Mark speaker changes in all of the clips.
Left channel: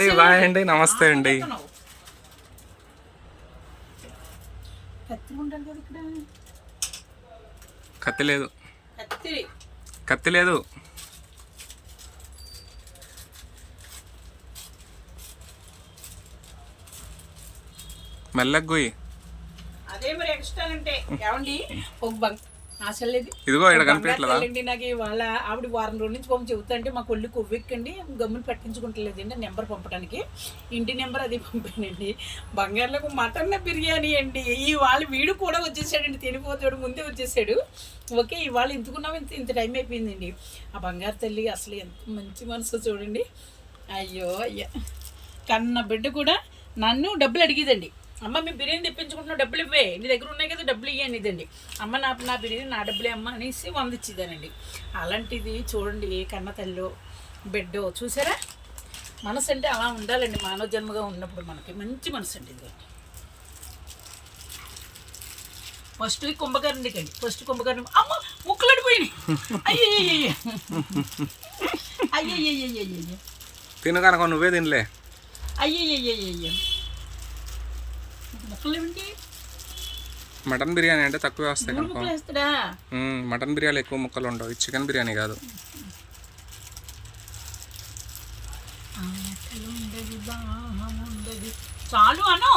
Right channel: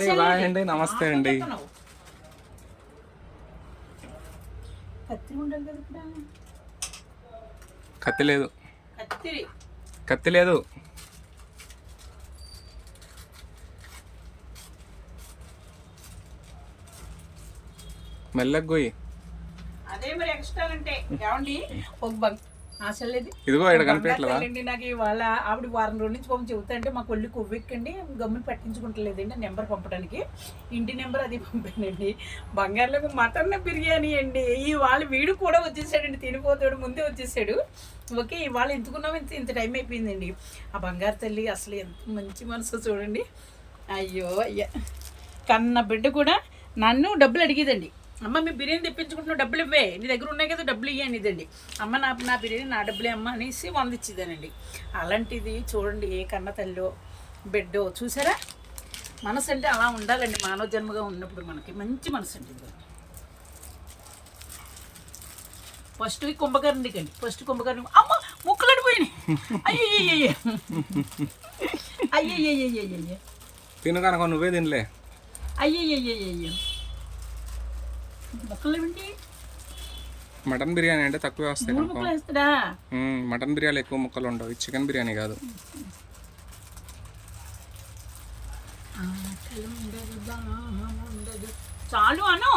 Speaker 1: అండి బాయ్ అండి నమస్తే అండి.
Speaker 2: కత్తి
Speaker 1: లేదు.
Speaker 2: కత్తి.
Speaker 1: లేదు. మెల్లగా గొయ్యి
Speaker 2: అదే మరి ఎక్స్ట్రా అంటే ఏమండి? ఒక బంక్
Speaker 1: ఇదిగో ఇక్కడ కనిపించట్లేదా?
Speaker 2: నాకు ఇవాళ ఆవిడ వారం రోజుల నుంచి పంపి చెబుతాంటే మాకు ఒళ్ళు కొవ్వెక్కండి గమ్ముని పట్టించుకుంటలేదండి నెంబర్ పంపడానికి ఇంటి నెంబర్ అది పంపానండి. బంగారులకు మటన్ బిర్యానీ అండి. ఇవాళ వీడు కూడా వచ్చేసాడండి తినిపోతాడు ముందే వచ్చేసాడు. ఓకే ఇవాళ ఎందుకున్నాం ఇంత ఇంత టైం అయిపోయిందండి. ఆ బంగారు తల్లి అసలు ఎంత మంచి మనసు చూడండి. అయ్యో అయ్యా. కన్న బిడ్డ కూడా నన్ను డబ్బులు అడిగేదండి. అమ్మ మీ బిర్యానీ తెప్పించుకుంటున్నావు డబ్బులు ఇవ్వే. నీ దగ్గర ఉన్నాయి కదా డబ్బులు ఇవ్వని ఇదండి అమ్మ నా నా బిర్యానీ నా డబ్బులే అమ్మ అనేసి వంద ఇచ్చేదానండి. అలాంటిది చూడండి ఏ కన్న తల్లో బిడ్డో చూసారా? మనసు అంటే అలా ఉండాలండి మానవ జన్మగా ఉన్నప్పుడు మనకి. మంచి మనసు అండి ఇదండి ఫస్ట్ కుంభకర్ణి కండి. ఫస్ట్ కుంభకర్ణి అమ్మ ముక్కలు అడిపోయినాయి అయ్యయ్యయ్య అయ్యయ్యయ్యయ్యయ్య
Speaker 1: తిను నువ్వే తినలే
Speaker 2: అయ్యయ్యయ్యయ్య
Speaker 1: మటన్ బిర్యానీ అంటే తక్కువే వస్తాయి కనుక. మటన్ బిర్యానీ ఎక్కువ ముక్కలు ఉండవు. చికెన్ బిర్యానీ కాదు.
Speaker 2: చాలు అను.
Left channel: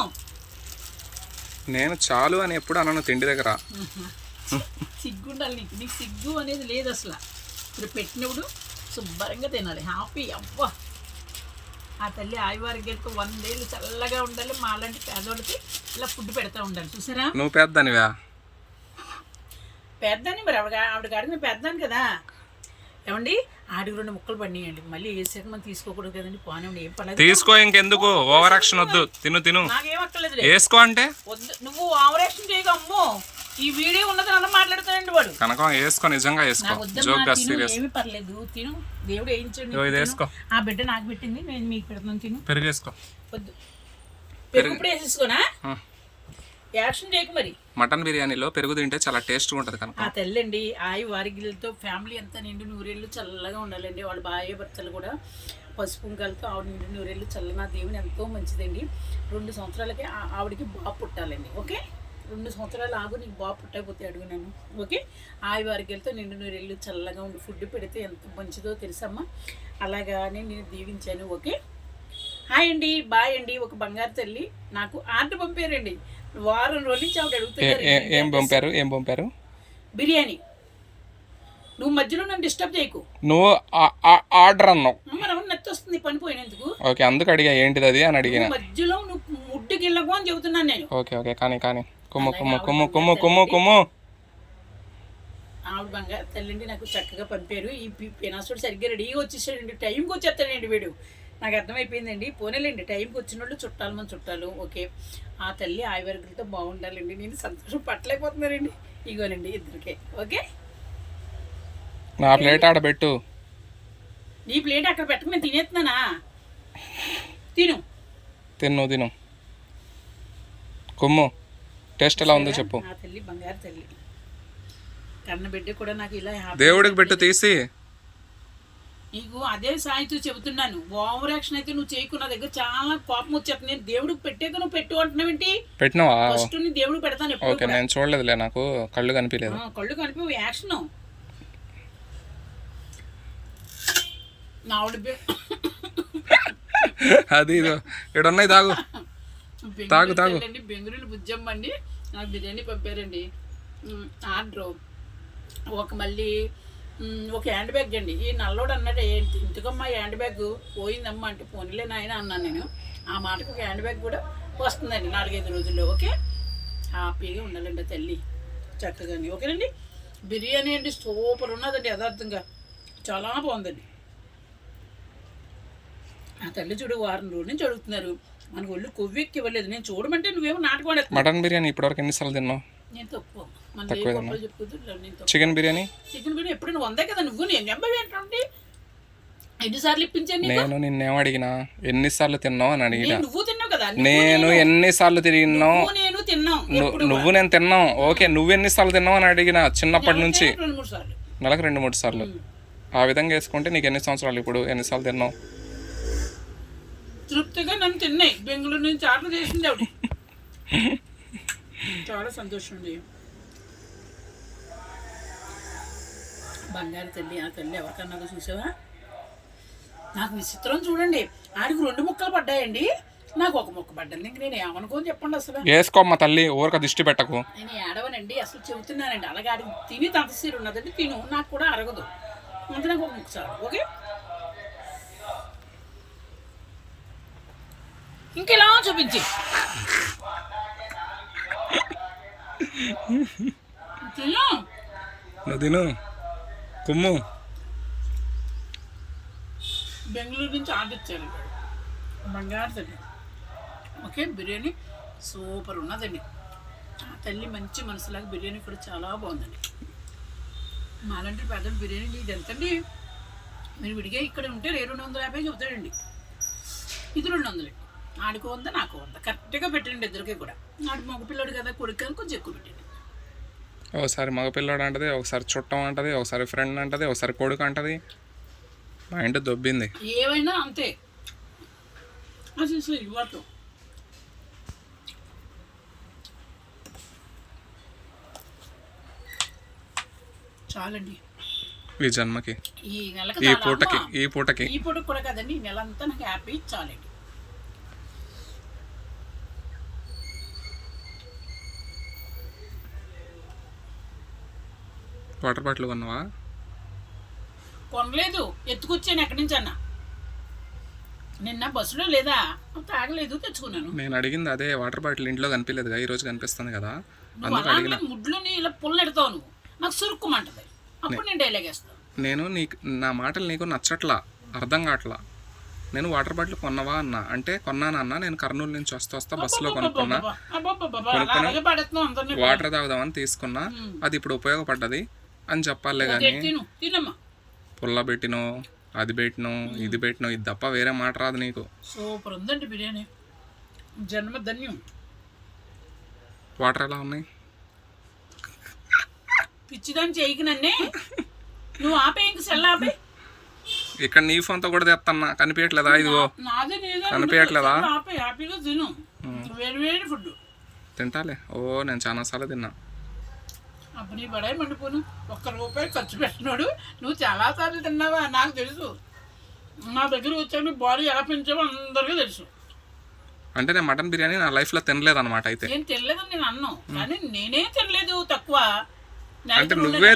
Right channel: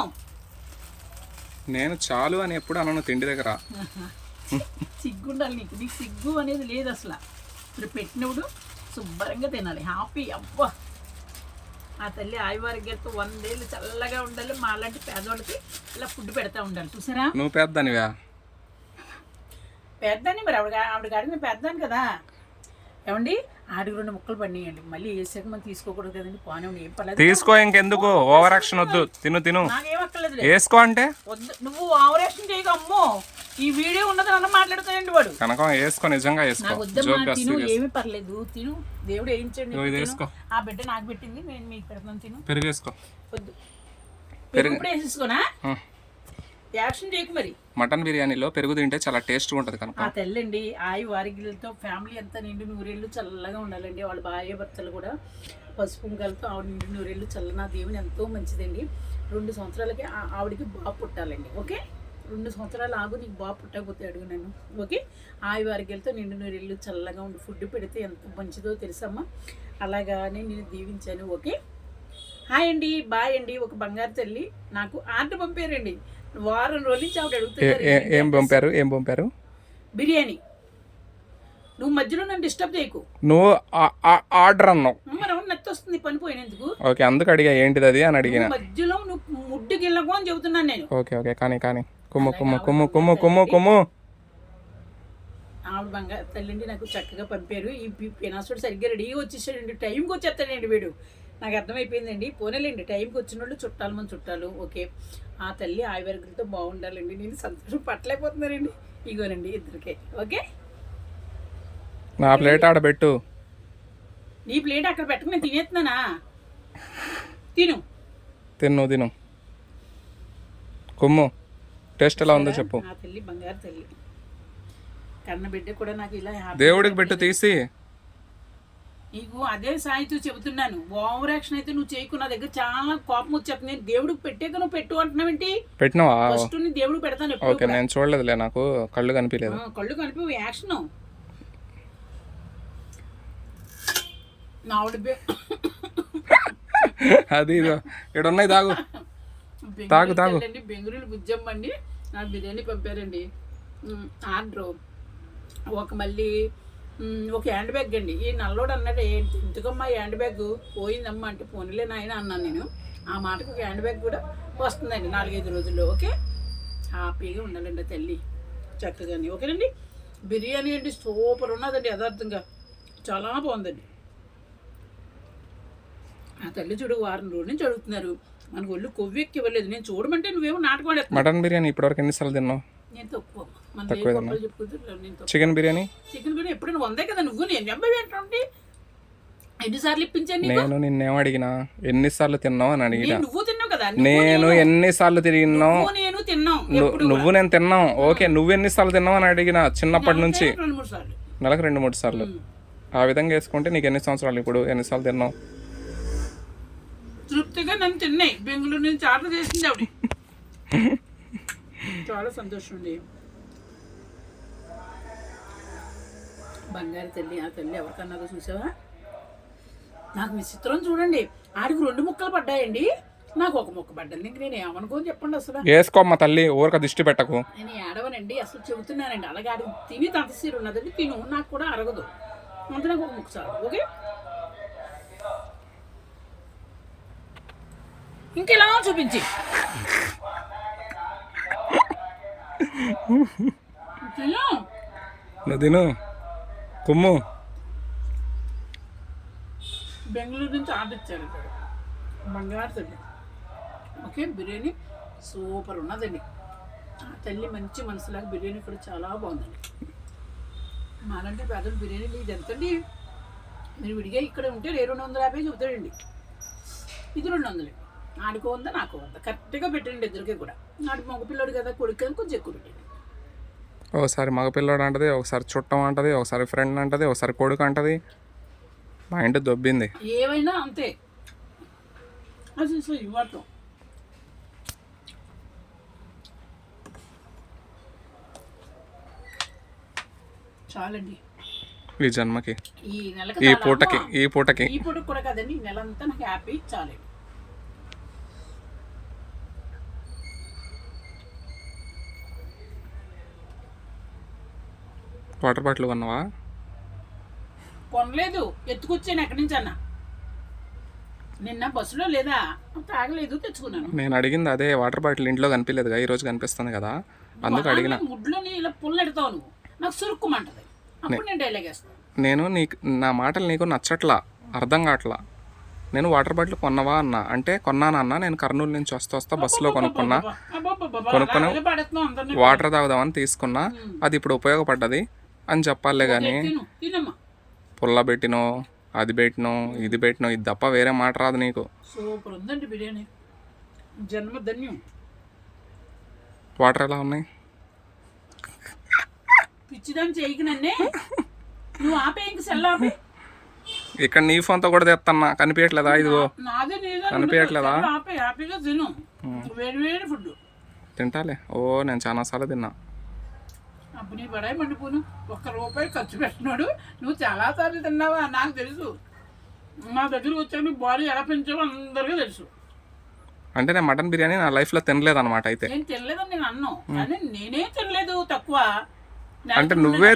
Speaker 1: నేను చాలు అని ఎప్పుడు అనను తిండి దగ్గర.
Speaker 2: సిగ్గు ఉండాలి నీకు. నీకు సిగ్గు అనేది లేదు అసలు. ఇప్పుడు పెట్టినప్పుడు శుభ్రంగా తినాలి. హ్యాపీ అవ్వ. ఆ తల్లి ఆయువారిగలతో వందేళ్ళు చల్లగా ఉండాలి. మా లాంటి పేదవాళ్ళకి ఇలా ఫుడ్ పెడతా ఉండాలి. చూసారా?
Speaker 1: నువ్వు పెద్దనివా?
Speaker 2: పెద్దని మరి ఆవిడ ఆవిడ అడిగిన పెద్దాను కదా. ఏమండి? ఆడికి రెండు ముక్కలు పడినాయండి మళ్ళీ వేసాక మనం తీసుకోకూడదు కదండి. పోనండి ఏం పర్లేదు
Speaker 1: తీసుకో ఇంకెందుకు? ఓవర్ యాక్షన్ వద్దు. తిను తిను.
Speaker 2: నాకేం అక్కర్లేదు
Speaker 1: వేసుకో అంటే?
Speaker 2: వద్దు. నువ్వు ఆవరేషన్ చేయక అమ్మో. ఈ వీడియో ఉన్నది అలా మాట్లాడుతానండి వాడు.
Speaker 1: కనుక వేసుకో నిజంగా వేసుకో.
Speaker 2: నాకు వద్దమ్మా
Speaker 1: జోక్గా
Speaker 2: తిను
Speaker 1: సీరియస్
Speaker 2: ఏమీ పర్లేదు. తిను. దేవుడు వేయించండి
Speaker 1: ఇది వేసుకో.
Speaker 2: ఆ బిడ్డ నాకు పెట్టింది నేను మీకు పెడతాను తిను.
Speaker 1: పెరుగు వేసుకో.
Speaker 2: వద్దు. పెరుగు ఇప్పుడు వేసేసుకోనా?
Speaker 1: ఆ.
Speaker 2: యాక్షన్ చేయకు మరి.
Speaker 1: మటన్ బిర్యానీలో పెరుగు తింటే చాలా టేస్ట్గా ఉంటుంది కనుక.
Speaker 2: ఆ తెల్లండి ఆయి వారిగిలతో ఫ్యామిలీ అంతా నిండు నూరేళ్ళు చల్లగా ఉండాలండి. వాళ్ళ భార్య భర్తలు కూడా పసుపు కుంకాలతో ఆవిడ నిండు నూరేళ్ళు చల్లనా దేవుని ఎంతో మంచిదండి. రెండు సంవత్సరాలకి ఆ- ఆవిడకి బాబు పుట్టాలండి. ఓకే? రెండు సంవత్సరాలు ఆగు నీకు బాబు పుట్టకపోతే అడుగు నన్ను. ఓకే? ఆయి వారిగిలతో నిండు నూరేళ్ళు చల్లగా ఉండి. ఫుడ్ పెడితే ఎంత మంచిదో తెలుసమ్మా. అలాగానే నేను దీవించాను. ఓకే? హాయ్ అండి. బాయ్ అండి. ఒక బంగారు తల్లి. నాకు ఆర్డర్ పంపారండి. వారం రోజుల నుంచి ఆవిడ అడుగుతున్నారు.
Speaker 1: ఏం పంపారు? ఏం పంపారు?
Speaker 2: బిర్యానీ. నువ్వు మధ్యలో నన్ను డిస్టర్బ్ చేయకు.
Speaker 1: నువ్వు ఆర్డర్ అన్నావు.
Speaker 2: మనం నెత్తి వస్తుంది. పని పోయినందుకు
Speaker 1: ఓకే అందుకు అడిగా. ఏంటిది అది అని అడిగిన.
Speaker 2: నువ్వు మధ్యలో నువ్వు ముడ్డుకి వెళ్ళకు అని చెబుతున్నాను నేను.
Speaker 1: Okay okay. కానీ కానీ. కుమ్ము కుమ్ము కుమ్ము కుమ్ము కుమ్ము కుమ్ము
Speaker 2: ఆవిడ బంగారు తల్లిండి నాకు చక్కగా పంపారు. ఈ పినాసుడు సరిగ్గా రెడీగా వచ్చేసాడండి. టైంకి వచ్చేస్తాడండి వీడు. నాకు అర్థమైపోయిందండి. పోనేలేండి. టైంకి వచ్చిన వాళ్ళు చుట్టాలు మన చుట్టాలు. ఓకే. ఆ తల్లి ఆయువర్గులతో బాగుండాలండి. నేను సంతోషం పట్టలేకపోతున్నానండి. ఇగోనండి ఇద్దరికే. ఓకే?
Speaker 1: నా ప్లేట్ ఆడ పెట్టు.
Speaker 2: నీ ప్లేట్ అక్కడ పెట్టక. నేను తినేస్తున్నానా? తిను.
Speaker 1: తిను తిను. కుమ్ము. టేస్ట్ ఎలా ఉందో చెప్పు.
Speaker 2: నా తల్లి బంగారు తల్లి. కన్న బిడ్డ కూడా నాకు ఇలా హ్యాపీ
Speaker 1: దేవుడికి పెట్టు తీసి.
Speaker 2: నీకు అదే సాయితో చెబుతున్నాను. ఓవర్ యాక్షన్ అయితే నువ్వు చేయకు నా దగ్గర చాలా కోపం వచ్చేస్తుంది. నేను దేవుడికి పెట్టేది నువ్వు పెట్టు అంటున్నావేంటి
Speaker 1: పెట్టినావా?
Speaker 2: ఫస్ట్ నీ దేవుడికి పెడతాను ఎప్పుడు
Speaker 1: ఓకే నేను చూడలేదులే నాకు. కళ్ళు కనిపించలేదు
Speaker 2: ఆ, కళ్ళు కలిపి యాక్షన్. నా ఆవిడ బె-
Speaker 1: అది ఇదో. ఇక్కడ ఉన్నాయి తాగు తాగు, తాగు.
Speaker 2: అండి బెంగళూరు బుజ్జమ్మ అండి నాకు బిర్యానీ పంపారండి. Order order. ఒక మళ్ళీ ఒక హ్యాండ్ బ్యాగ్ అండి. ఈ నల్లోడు అన్నాడు ఏంటి? ఎందుకమ్మా ఈ హ్యాండ్ బ్యాగ్? పోయిందమ్మా అంటే పోనీలే నాయన అన్నాను నేను. ఆ మాటకు ఒక హ్యాండ్ బ్యాగ్ కూడా వస్తుందండి నాలుగైదు రోజుల్లో ఓకే? హ్యాపీగా ఉండాలండి తల్లి. చక్కగాని ఓకేనండి? బిర్యానీ అండి సూపర్ ఉన్నదండి యథార్థంగా. చాలా బాగుందండి. ఆ తల్లి చూడు వారం రోజు నుంచి అడుగుతున్నారు. మనకు ఒళ్ళు కొవ్వెక్కి ఇవ్వలేదు. నేను చూడమంటే నువ్వేమో నాటకం
Speaker 1: మటన్ బిర్యానీ ఇప్పటివరకు ఎన్నిసార్లు తిన్నావు?
Speaker 2: నేను తక్కువ. మన
Speaker 1: చికెన్ బిర్యానీ?
Speaker 2: చికెన్ బిర్యానీ ఎప్పుడు నువ్వు వందే కదా నువ్వు? నేను ఏంటంటే ఎన్నిసార్లు ఇప్పించాను?
Speaker 1: నేను నిన్నేం అడిగినా? ఎన్నిసార్లు తిన్నావు అని అడిగినా?
Speaker 2: నువ్వు తిన్నావు కదా?
Speaker 1: నేను ఎన్నిసార్లు తిరిగినావు?
Speaker 2: నువ్వు నేను తిన్నాం.
Speaker 1: ను- నువ్వు నేను తిన్నావు ఓకే నువ్వు ఎన్నిసార్లు తిన్నావు అని అడిగిన చిన్నప్పటి నుంచి? నెలకు రెండు మూడు సార్లు. ఆ విధంగా వేసుకుంటే నీకు ఎన్ని సంవత్సరాలు ఇప్పుడు? ఎన్నిసార్లు తిన్నావు?
Speaker 2: ట్రూ పూర్తిగా నన్ను తిన్నాయి. బెంగళూరు నుంచి ఆర్డర్ చేసింది ఆవిడ. చాలా సంతోషం అండి. బంగారు తల్లి ఆ తల్లి ఎవరికన్నాదో చూసావా? నాకు విచిత్రం చూడండి. ఆడికి రెండు ముక్కలు పడ్డాయండి. నాకు ఒక ముక్క పడ్డది. ఇంక నేను ఏమనుకోని చెప్పండి అసలు.
Speaker 1: వేసుకోమ్మ తల్లి ఊరక దిష్టి పెట్టకు.
Speaker 2: నేను ఏడవనండి. అసలు చెబుతున్నానండి. అలాగే ఆడికి తిని తంతసీరు ఉన్నదండి. తిను. నాకు కూడా అరగదు. అంతే నాకు ఒక ముక్క చాలు. ఓకే? ఇంకెలా చూపించి.
Speaker 1: నువ్వు తిను. కుమ్ము.
Speaker 2: బెంగళూరు నుంచి ఆర్డర్ ఇచ్చారు ఇక్కడ. బంగారు తల్లి. ఓకే బిర్యానీ సూపర్ ఉన్నదండి. ఆ తల్లి మంచి మనసులాగా బిర్యానీ కూడా చాలా బాగుందండి. మాలాంటి పేదలు బిర్యానీ ఇది ఎంతండి? మీరు విడిగా ఇక్కడ ఉంటే రే రెండు వందల యాభై చెబుతాడండి. ఇది రెండు వందలు. ఆడికో ఉందా నాకు ఉందా? కరెక్ట్గా పెట్టండి ఇద్దరికి కూడా. ఆడి మగ పిల్లడు కదా కొడుకు కొంచెం ఎక్కువ పెట్టండి.
Speaker 1: ఒకసారి మగపిల్లోడు అంటది ఒకసారి చుట్టం అంటది ఒకసారి ఫ్రెండ్ అంటది ఒకసారి కొడుకు అంటది. మైండ్ దొబ్బింది.
Speaker 2: ఏమైనా అంతే. అది ఇవ్వటం చాలండి.
Speaker 1: ఈ జన్మకి.
Speaker 2: ఈ
Speaker 1: పూటకి. ఈ పూటకి.
Speaker 2: ఈ పూట కూడా కదండి ఈ నెల అంతా నాకు హ్యాపీ చాలండి.
Speaker 1: వాటర్ బాటిల్ కొన్నావా?
Speaker 2: కొనలేదు. ఎత్తుకొచ్చాను ఎక్కడి నుంచి అన్న? నిన్న బస్సులో లేదా? తాగలేదు తెచ్చుకున్నాను.
Speaker 1: నేను అడిగింది అదే వాటర్ బాటిల్ ఇంట్లో కనిపించలేదుగా ఈ రోజు కనిపిస్తుంది కదా. అందుకు అడిగిన.
Speaker 2: ముడ్లోని ఇలా పుల్లెడతావు నువ్వు. నాకు సురుక్కుమంటది. అప్పుడు నేను డైలాగ్ వేస్తాను.
Speaker 1: నేను నీకు నా మాటలు నీకు నచ్చట్లా అర్థం కావట్లా? నేను వాటర్ బాటిల్ కొన్నవా అన్న? అంటే కొన్నాను అన్న నేను కర్నూలు నుంచి వస్తా వస్తా బస్సులో కొనుక్కున్నా. కొనుక్కొని వాటర్ తాగుదామని తీసుకున్నా. అది ఇప్పుడు ఉపయోగపడ్డది. అని చెప్పాలే కానీ పుల్ల పెట్టినో అది పెట్టినో ఇది పెట్టినో ఇది తప్ప వేరే మాట రాదు నీకు.
Speaker 2: సూపర్ ఉందండి బిర్యానీ.
Speaker 1: వాటర్ ఎలా ఉన్నాయి?
Speaker 2: పిచ్చిదాన్ని చేయకి నన్నే. నువ్వు ఆపే ఇంక సెల్ ఆపే.
Speaker 1: ఇక్కడ నీ ఫోన్తో కూడా తెస్తున్నా కనిపించట్లేదా ఇదిగో. కనిపించట్లేదా?
Speaker 2: సెల్ ఆపే హ్యాపీగా తిను. వేడి వేడి ఫుడ్
Speaker 1: తింటాలే. ఓ నేను చాలా సార్లు తిన్నా.
Speaker 2: అప్పుడు నీ పడాయి మండిపోను. ఒక్క రూపాయి ఖర్చు పెట్టినాడు. నువ్వు చాలా సార్లు తిన్నావా? నాకు తెలుసు. నా దగ్గర వచ్చాను బాడీ ఎలా పెంచావో అందరికీ తెలుసు.
Speaker 1: అంటే నేను మటన్ బిర్యానీ నా లైఫ్లో తినలేదు అనమాట అయితే.
Speaker 2: నేను తినలేదని నేను అన్నాను కానీ నేనే తినలేదు తక్కువ.
Speaker 1: అంటే నువ్వే